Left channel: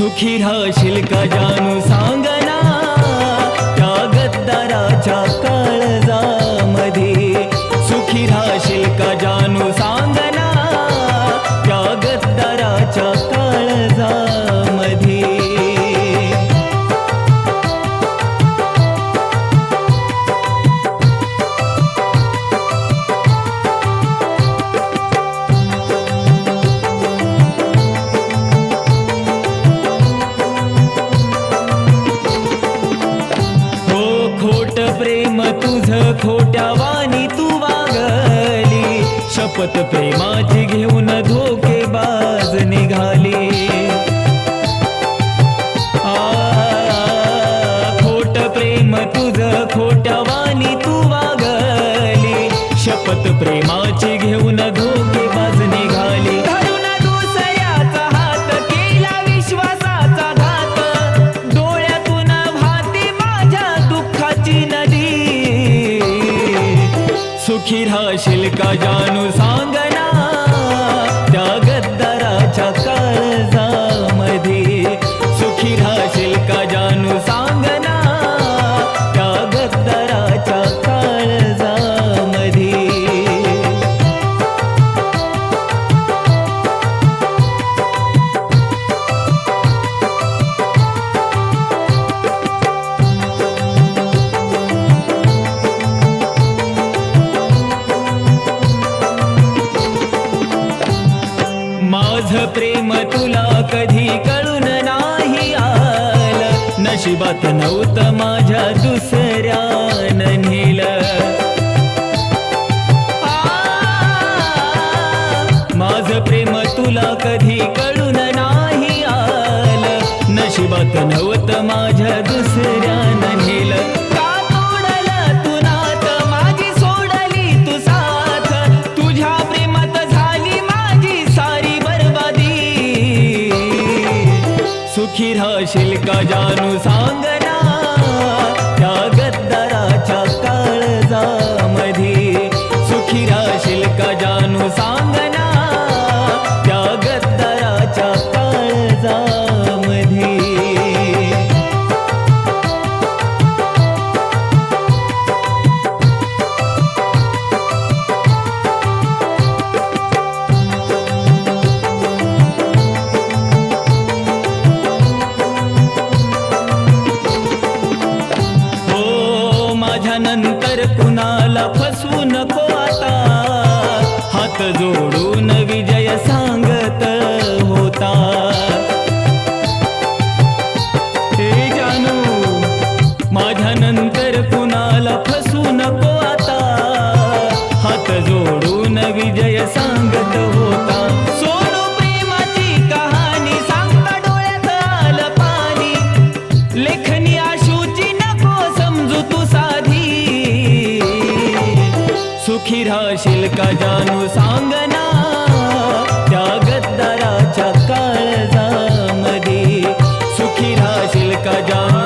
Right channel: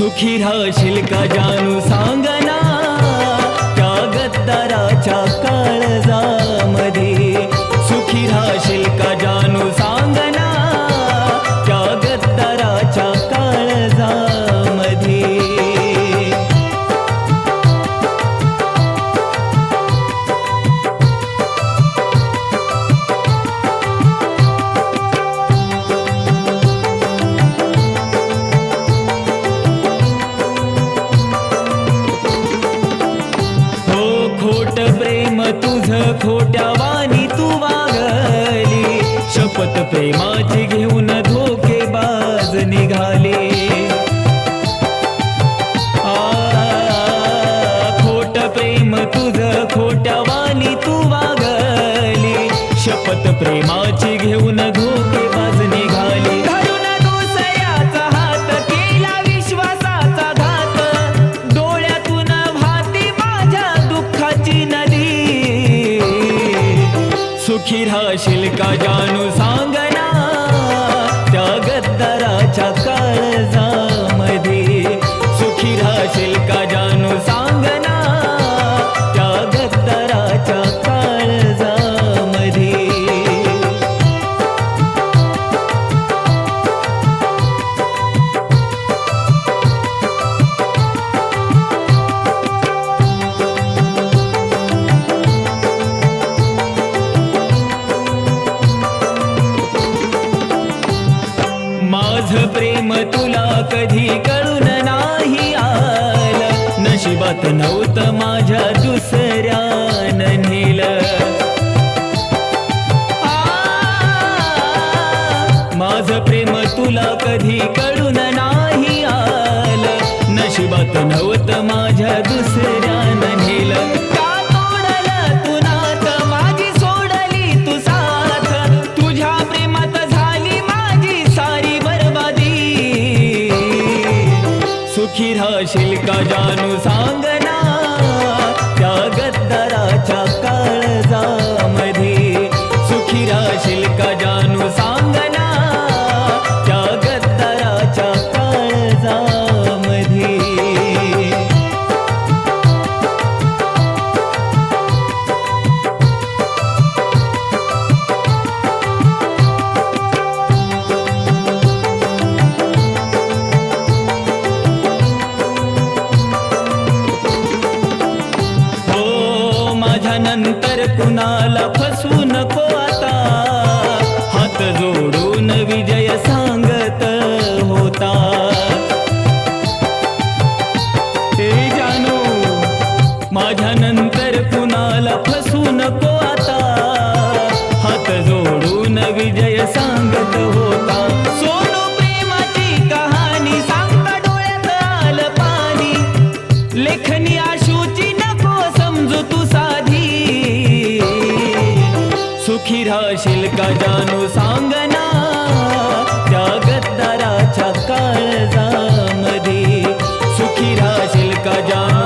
सुखी राहशील का जानू सांगना त्या गद्दाराच्या काळजामध्ये. सुखी राहशील का जानू सांगना खोट प्रेम तुझ खोट्या वाणी तू वागली. शपथ प्रेमाची घेऊन धोके बाज निघाली. खोट प्रेम तुझ खोट्या वाणी तू वागली. शपथ प्रेमाची घेऊन धोके बाज निघाली. सुखी राहशील का जानू सांगना? त्या गद्दाराच्या काळजामध्ये सुखी राहशील का जानू सांगना? त्या गद्दाराच्या काळजामध्ये माझ प्रेम तुला कधी कळून नाही आलं. नशिबात नव्हतं माझ्या दुसऱ्या नेल. माझ प्रेम तुला कधी कळून नाही आलं. नशिबात नव्हतं माझ्या दुसऱ्यानं नेलं. सुखी का जानू सांगना त्या गद्दाराच्या काळजामध्ये सुखी राशील का जानू सांगना माझ्यानंतर कुणाला फसवू नको आता? हात जोडून विजय सांगत होता. हे जानू माझ्यानंतर कुणाला फसवू नको आता? हात जोडून विजय सांगत होता. सोनू सुखी राहशील का जानू सांगना त्या गद्दाराच्या काळजामध्ये सुखी राहशील का जानू